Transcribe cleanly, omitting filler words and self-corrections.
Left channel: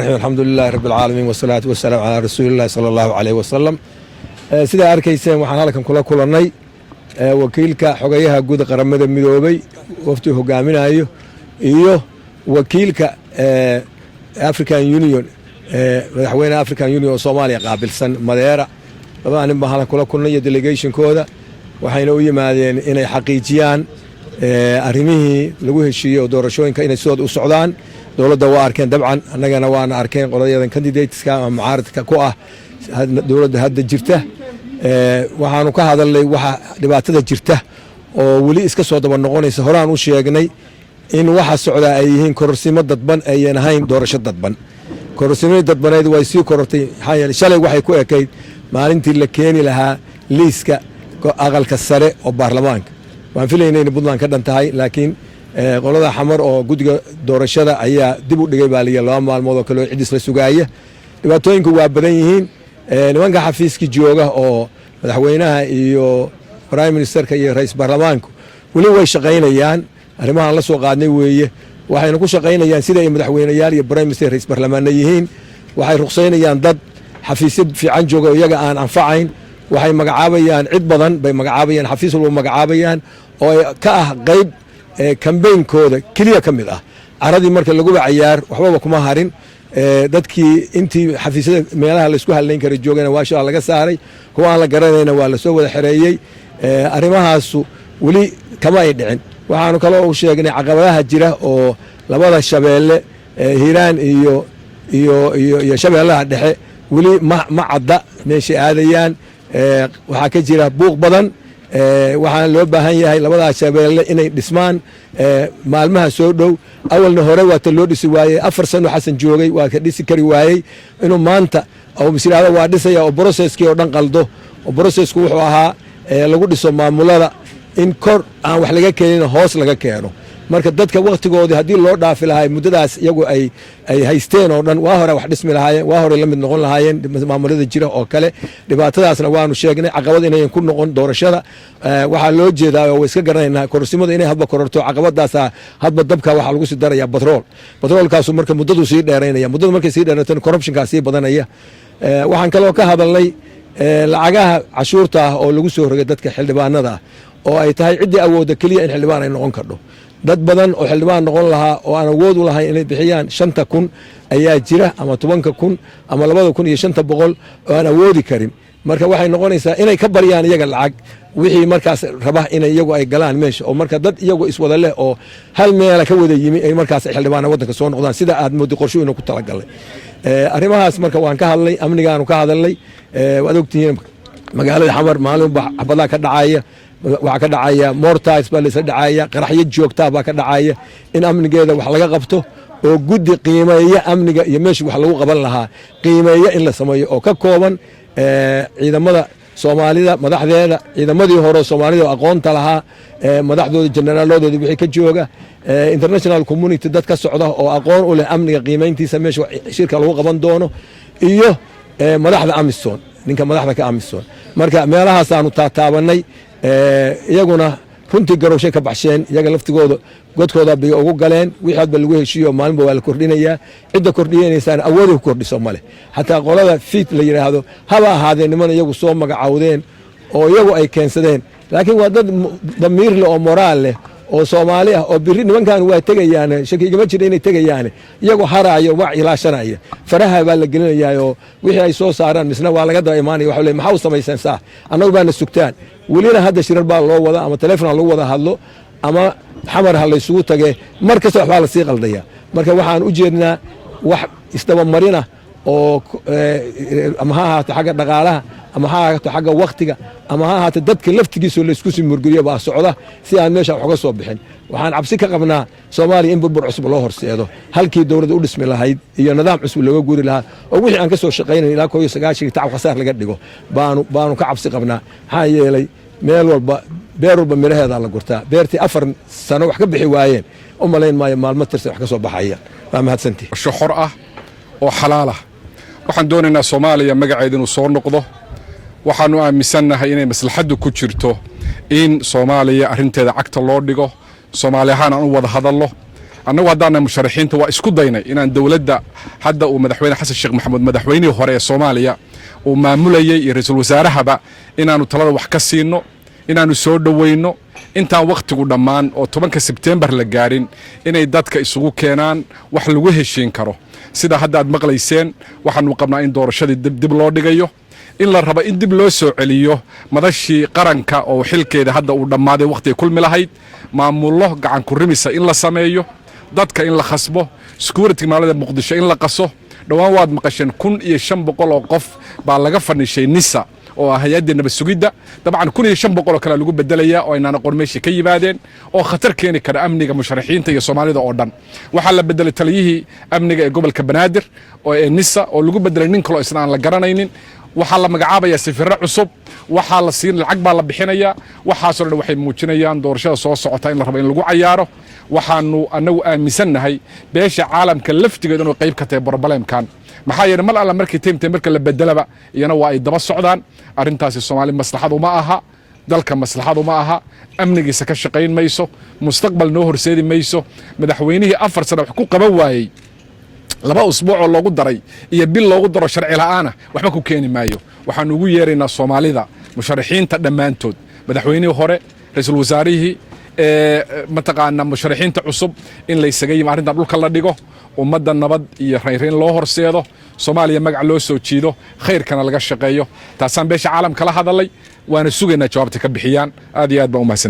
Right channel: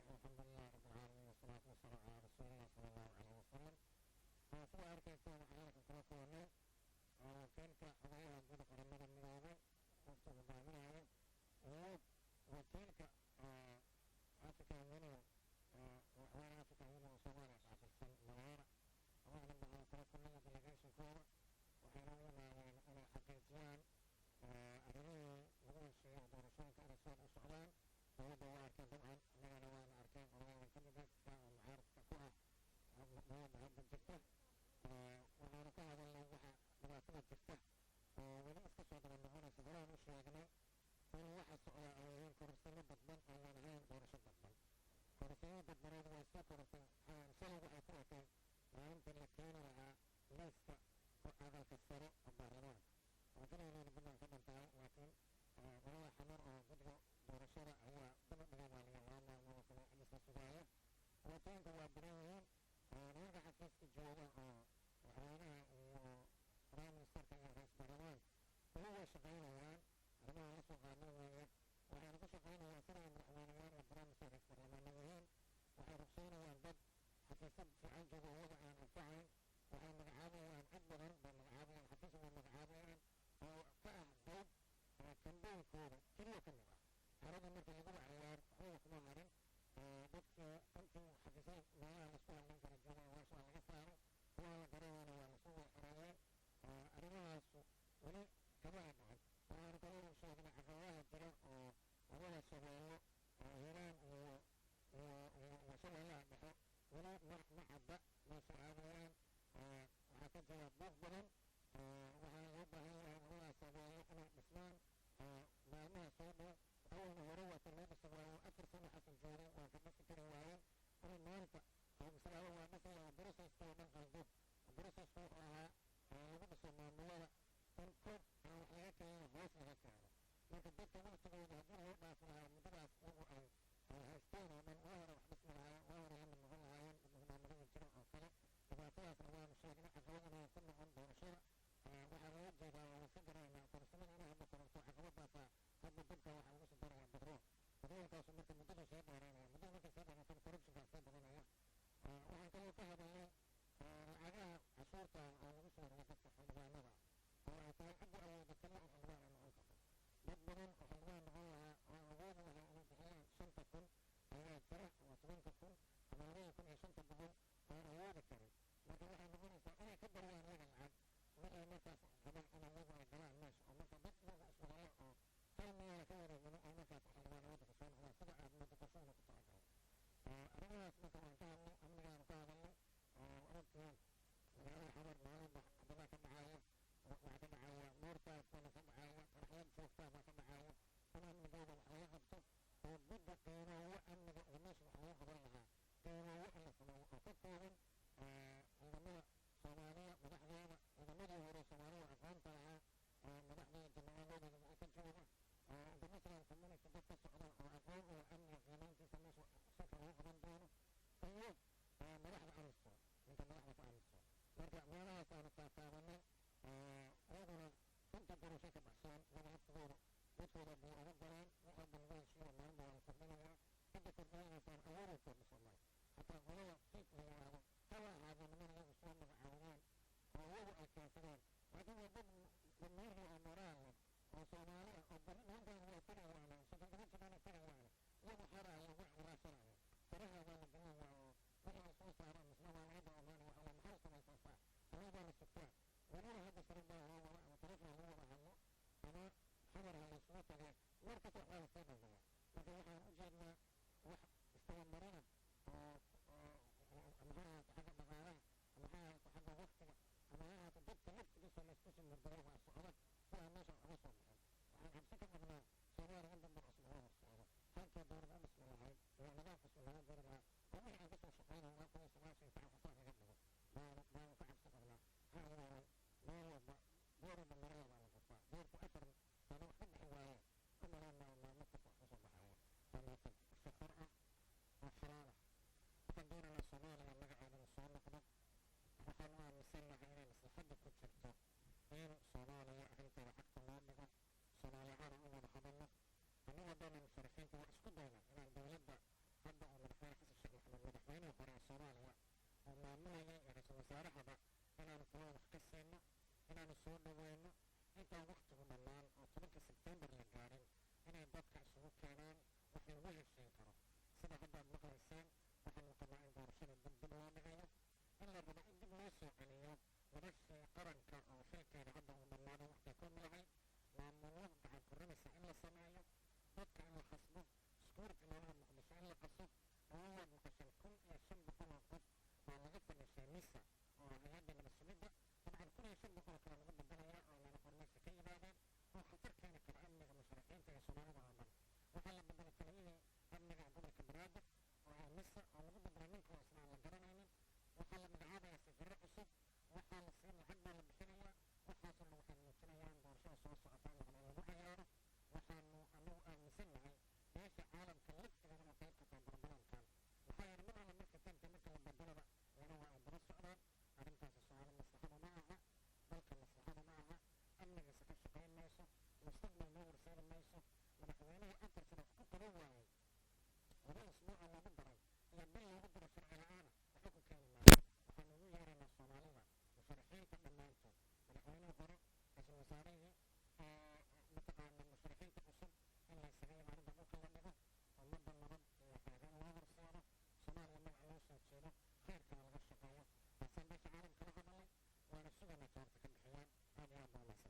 الحمد لله رب العالمين والصلاة والسلام على رسول الله صلى الله عليه وسلم سيدا أركيسين waxaan halkan kula kulanay wakiilka xogayaha guud qaramada midoobay wafti hogaaminayo iyo wakiilka African Union madaxweynaha African Union Soomaaliya qaabilsan Madeira labadaan baa halkan kula kulnay delegation kooda waxayna u yimaadeen inay xaqiijiyaan arrimihii lagu heshiiyay doorashooyinka inay soo u socdaan dowladda waa arkeen dabcan annagana waana arkeen qolayadan candidateska ama mucaaradka ku ah dowladda hadda jirta waxaanu ka hadalnay waxa dhibaatada jirta oo wali iska soo daba noqonaysa horaan u sheegnay in waxa socda ay yihiin kororsimo dadban ayaan ahayn doorasho dadban kororsimada dadbaneed way sii korortay xayal shalay waxay ku ekeyd maalintii la keeni lahaa liiska aqalka sare oo baarlamaanka waan filaynay in Puntland ka dhantahay laakiin qolada xamar oo guddiga doorashada ayaa dib u dhigay baaliya laba maalmood oo kale cidis la sugaaya dhibaatooyinku waa badan yihiin nimanka xafiiska jooga oo madaxweynaha iyo prime ministerka iyo ra'iisul baarlamaanku wali way shaqaynayaan arrimahan la soo qaadnay weeye waxayna ku shaqaynayaan sida ay madaxweynayaal iyo prime minister ra'iisul baarlamaanna yihiin waxay ruqsaynayaan dad xafiisyo fiican jooga oo iyaga aan anfacayn waxay magacaabayaan cid badan bay magacaabayaan xafiis walba magacaabayaan oo ka ah qayb kambeynkooda keliya ka mid ah caradii marka lagu ciyaar waxba kuma harin dadkii intii xafiisyada meelaha la isku haleyn kara joogana waa shaa laga saaray kuwa aan la garanayna waa la soo wada xareeyay arrimahaas wali kama ay dhicin waxaanu kale oo sheegnay caqabadaha jira oo labada shabeelle Hiiraan iyo shabeellaha dhexe wali ma cadda meesha aadayaan waxa ka jira buuq badan waxaan loo baahan yahay labada shabeelle inay dhismaan maalmaha soo dhow awalna hore waa loo dhisi waayay 4 sano xasan joogay waa ka dhisi kari waayay inuu maanta oo misiraada waa dhisaya oo processkii oo dhan qaldo oo processku wuxuu ahaa lagu dhiso maamulada in kor aan wax laga keenin hoos laga keeno marka dadka waqtigoodii hadii loo dhaafi lahaay muddadaas iyagu ay haysteen oo dhan waa hore wax dhismi lahaayeen waa hore la mid noqon lahaayeen maamulada jira oo kale dhibaatadaasna waanu sheegnay caqabad inay ku noqon doorashada waxa loo jeedaa oo iska garanaynaa kororsimada inay hadba kororto caqabadaas hadba dabka waxa lagu sii daraya batroolkaas marka muddadu sii dheeraynaya muddadu markay sii dheerato corruptionka sii badanaya waxaan kale oo ka hadalnay lacagaha cashuurta oo lagu soo rogay dadka xildhibaanada oo ay tahay cidii awoodda kaliya in xildhibaan ay noqon karto dad badan oo xildhibaan noqon lahaa oo aan awood u lahayn inay bixiyaan 5,000 ayaa jira ama 10,000 ama 2,500 oo aan awoodi karin marka waxay noqonaysaa inay ka bariyaan iyaga lacag wixii markaas raba in iyagu ay galaan meesha oo marka dad iyagu iswada leh oo hal meel ka wada yimi ay markaas xildhibaan waddanka soo noqdaan sida aad moodi qorsho inuu ku talagalay arrimahaas marka waan ka hadlay amnigaanu ka hadalnay waad ogtihiin magaalada xamar maalin xabadaha ka dhacaya waxa ka dhacaya mortars baa la dhacaya qaraxyo joogta baa ka dhacaya in amnigeeda wax laga qabto oo guddi qiimeeya amniga iyo meesha wax lagu qaban lahaa qiimeeya in la sameeyo oo ka kooban ciidamada Soomaalida madaxdeeda ciidamadii hore Soomaalida aqoonta lahaa madaxdooda generaalooda wixii ka jooga international community dad ka socda oo aqoon u leh amniga qiimeyntiisa meesha shirka lagu qaban doono iyo madaxda Amisom ninka madaxda ka Amisom marka meelahaas aanu taabanay iyaguna runtii garowshay ka baxsheen iyaga laftigooda godkooda bay ugu galeen wixii hadba lagu heshiiyo maalinba waa la kordhinayaa cidda kordhiyeynaysan awood ku kordhiso male hataa qolada fit la yiraahdo haba ahaadeen niman iyagu soo magacaawdeen oo iyagu ay keensadeen laakiin waa dad damiir leh oo moraal leh oo Soomaali ah oo biri nimankan waa tagayaan shakigama jira inay tagayaan iyagu haraayo wax ilaashanaya faraha baa la gelinayaa oo wixii ay soo saaraan misna waa laga daba iimaanay waxa leeyahay maxaa u samaysan saa annagu baana sugtaan walina hadda shirar baa loo wada ama telefoon lagu wada hadlo ama xamar hal isugu tagay markasta waxba la sii qaldaya marka waxaan u jeednaa wax isdaba marina oo ama ha ahaato xagga dhaqaalaha ama ha ahaato xagga waqtiga ama ha ahaato dadka laftigiisa la isku sii murguriyo baa socda si aan meesha wax uga soo bixin waxaan cabsi ka qabnaa Soomaaliya in burbur cusub loo horseedo halkii dawladda u dhismi lahayd iyo nidaam cusub looga guuri lahaa oo wixii aan ka soo shaqeynay ilaa 19 tacab khasaar laga dhigo baanu ka cabsi qabnaa maxaa yeelay meel walba beer walba miraheeda la gurtaa beertii 4 sano wax ka bixi waayeen u malayn maayo maalmo tirsan wax ka soo baxaya waa mahadsantii xor ah oo xalaal ah waxaan doonaynaa Soomaaliya magaceeda inuu soo noqdo waxaanu aaminsanahay inay maslaxadu ku jirto in Soomaaliya arinteeda cagta loo dhigo Soomaaliyahan aan u wada hadalno annagu haddaana musharaxiinta waa isku daynay inaan dowladda hadda uu madaxweyne xasan sheekh maxamuud madaxweynihii hore ee Soomaaliya uu maamulayay iyo ra'iisul wasaarahaba inaanu talada wax ka siino inaanu soo dhaweyno intaan waqtigu dhammaan oo 10 Sebtembar la gaarin inay dadka isugu keenaan wax lagu heshiin karo sida hadda aad maqlayseen waxaanu qabnaa in doorashadii dib loo dhigayo in la rabo in dib loo soo celiyo madashii qaranka oo xilkeeda hadda uu dhammaaday waqti kulmi lahayd maamullo gacan ku rimisa in la sameeyo dadka in la khasbo security magaalada Muqdisho in la qaso dhawaan waad maqasheen 1500 oo qof baa laga fanishay nisa oo hay'adda nabad sugidda dabcan 1500 oo kale lagu bedelaya oo inaan aqoon meeshii ka yimaadeen oo khatar keeni kara amniga musharaxiinta iyo Soomaalida oo dhan waxa la bedelay taliyihii amniga ee gobolka Banaadir oo nisa oo lagu bedelay nin kale oo isna aan la garanaynin waxa la magacaabaya safirro cusub waxa la siin lacag baa la bixinaya waxa soo dhan waxay muujinayaan doorashada soo socota in la rabo in lagu cayaaro waxaanu anagu aaminsanahay beesha caalamka laftigeeda inuu qayb ka tahay problemkan maxaa yeelay mal alla markii teamta marka la bedelaba iyana waa ay daba socdaan arintaasi Soomaali maslaxad uma aha dalka maslaxad uma aha amnigiisa ka shaqeyn mayso mustaqbal noo horseedi mayso madaxweynihii 4 sano wax ku qaban waayay 2 usbuuc oo loogu daray iyo bil loogu daro sharci la'aana waxba ku keeni maayo waxaan ugu yeeraynaa Soomaalida musharaxiinta dhamaantood madaxweynihii hore ra'iisul wasaarihii mataqaana musharaxiinta cusub in la isaga yimaado arinta dhulka la dhigo ummadda nabad iyo reerin loo horseedo Soomaaliya magac loo soo jiido khayrkana laga shaqeeyo taasaan beesha caalamka la hadalay waana sugaynaa jawaabta ka bixiyaan aad iyo aad baan u mahadsan